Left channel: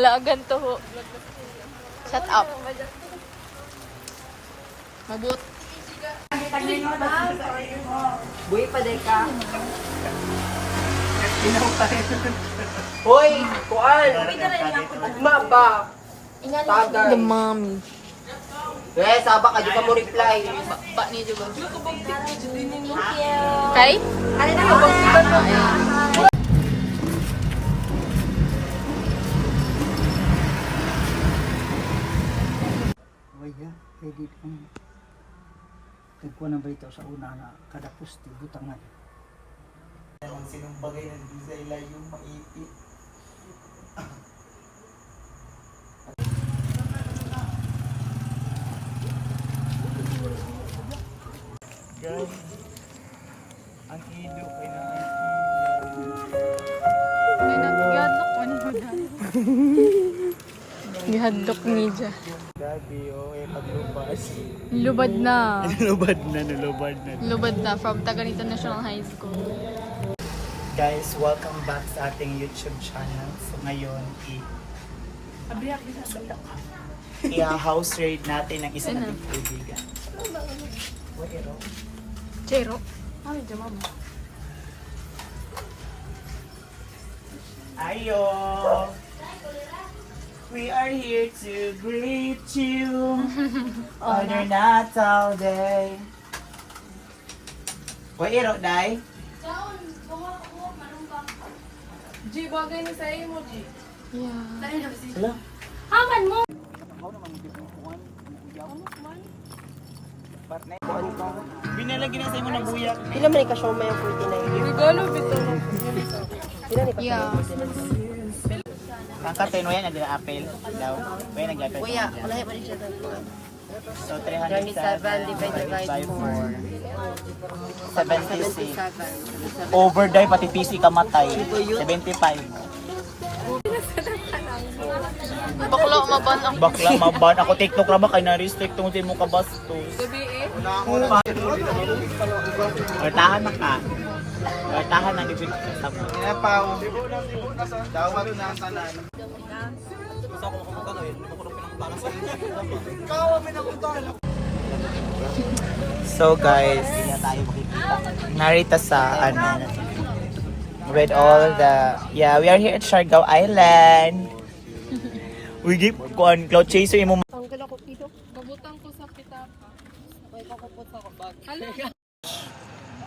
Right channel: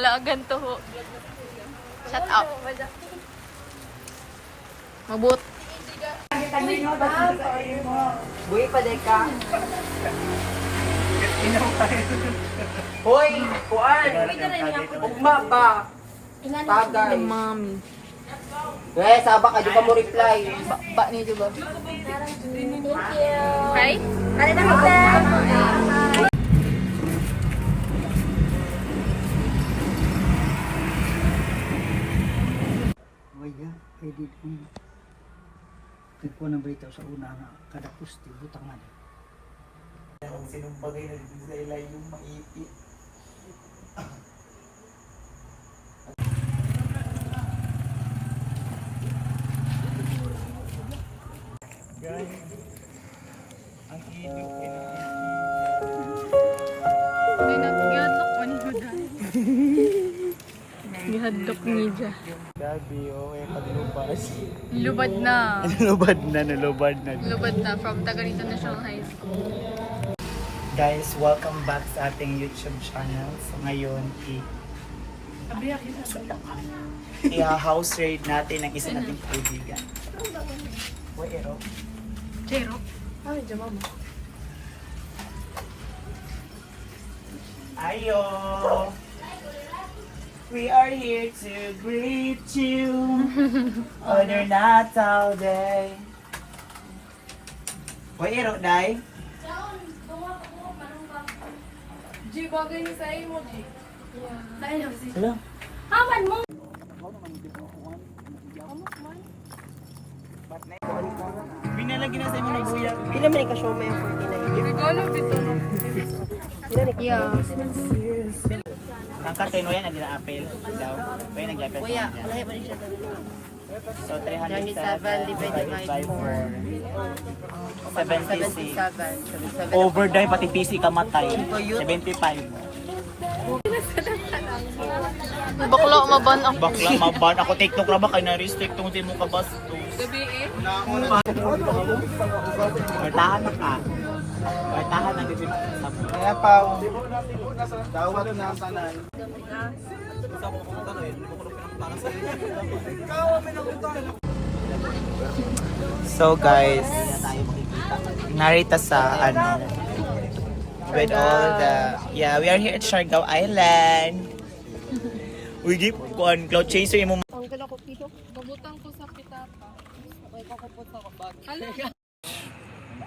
Malaagan to ho. Shut up. Mabut. Buhay pa day ka. Hoy! Kuan! Ugma ba? Tagay. The mommy. Eh, sabak ka, di ka mo reply. Ba niya diba? Kay? Waya, edit ang nagkuha ng balita sa una na kada poste, butangan. Ang sinong bagay na sa yung maipit. Guys, ang ilo ay Gihadlok pa niyo dyan. Gihadlok niyo dyan. Gabi, okay, pag-lubas. Lubad na. Nalubad na. Lubad na from Taganito National High School. Guys, welcome back sa ating YouTube channel. So ngayon, i-house raid natin ang isa nating kaibigan. Wero. Zero. Ay, dyan mama. Ayo! We are here to greet you on your Natal day. Wero, day? G, bagay ni sa mo, G. Hello? Haman mo! Binalagyan na sa imo na buyak. Pila man ka show may 49. Regalo, yeah. Ang karten mo yan, ang apel. Daw. May nag-apel. Kuya, malahi pa rin siya doon. So, 27 divided by 4. 76. 77. Overdrive, pati PC ka matay. 75. Bakla, maban ako. Bakla, maban. Ako TikTok na ba? Kaya na-restrict tong di mo ka bas. Gabi Bertahan na ka. Bertahan na. Kaya pa. Dawat na sana. So guys, narita sa with all the we are here at Siargao Island. We give cloud chaser imo. Ang kala ko pito. Babutang ko sa pitapa. May kakupot sa kabag. Hala.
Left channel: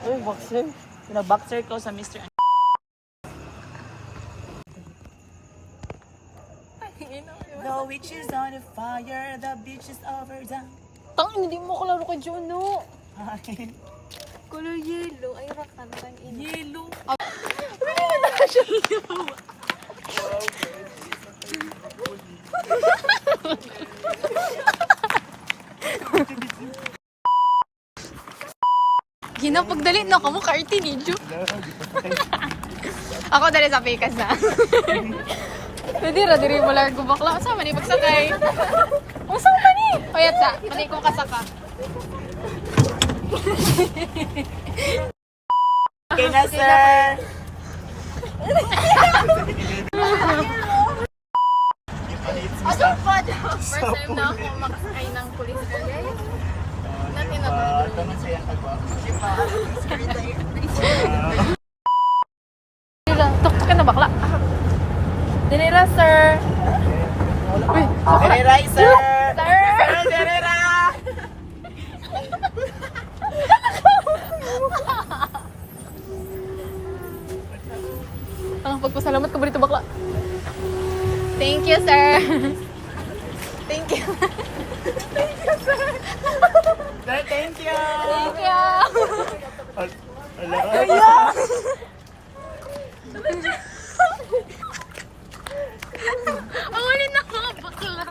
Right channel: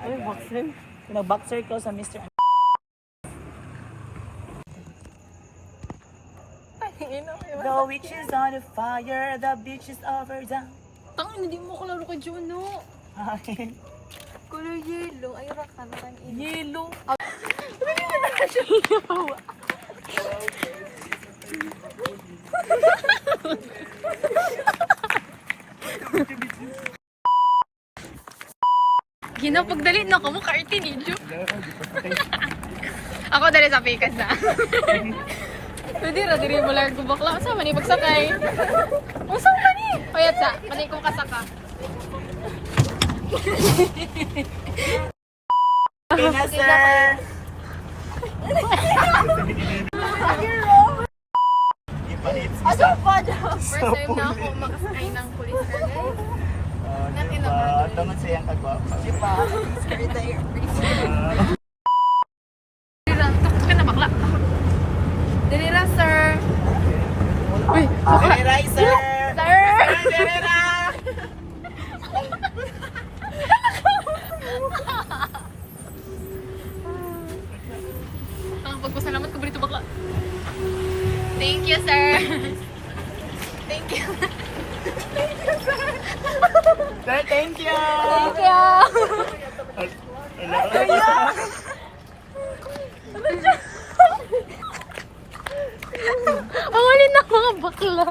Ay, boxer. Pina-boxer ko sa Mr. The witch is on the fire, the beach is over down. Tang, hindi mo kalaro kay Juno. Color yellow. Ay, raka na kan in. Yellow. Hinapagdali na kamo ka-arty ni Ju. Ako dali sa pikas na. Pwede na, diri mo lang kung bakla. Kasama ni pagsakay. Kasama ni. Payat sa, pati kong kasaka. Okay na, sir. First time na ako makasakay ng police car, guys. Natin na ba doon? Tuktok ka na bakla. Dili na, sir. Uy, bakla. Dere, sir. Sir! Dere. Ang pagpasalamat ko barito bakla. Thank you, sir. Thank you. Sir, thank you. Thank you. Hello. Awalin na mga bakla.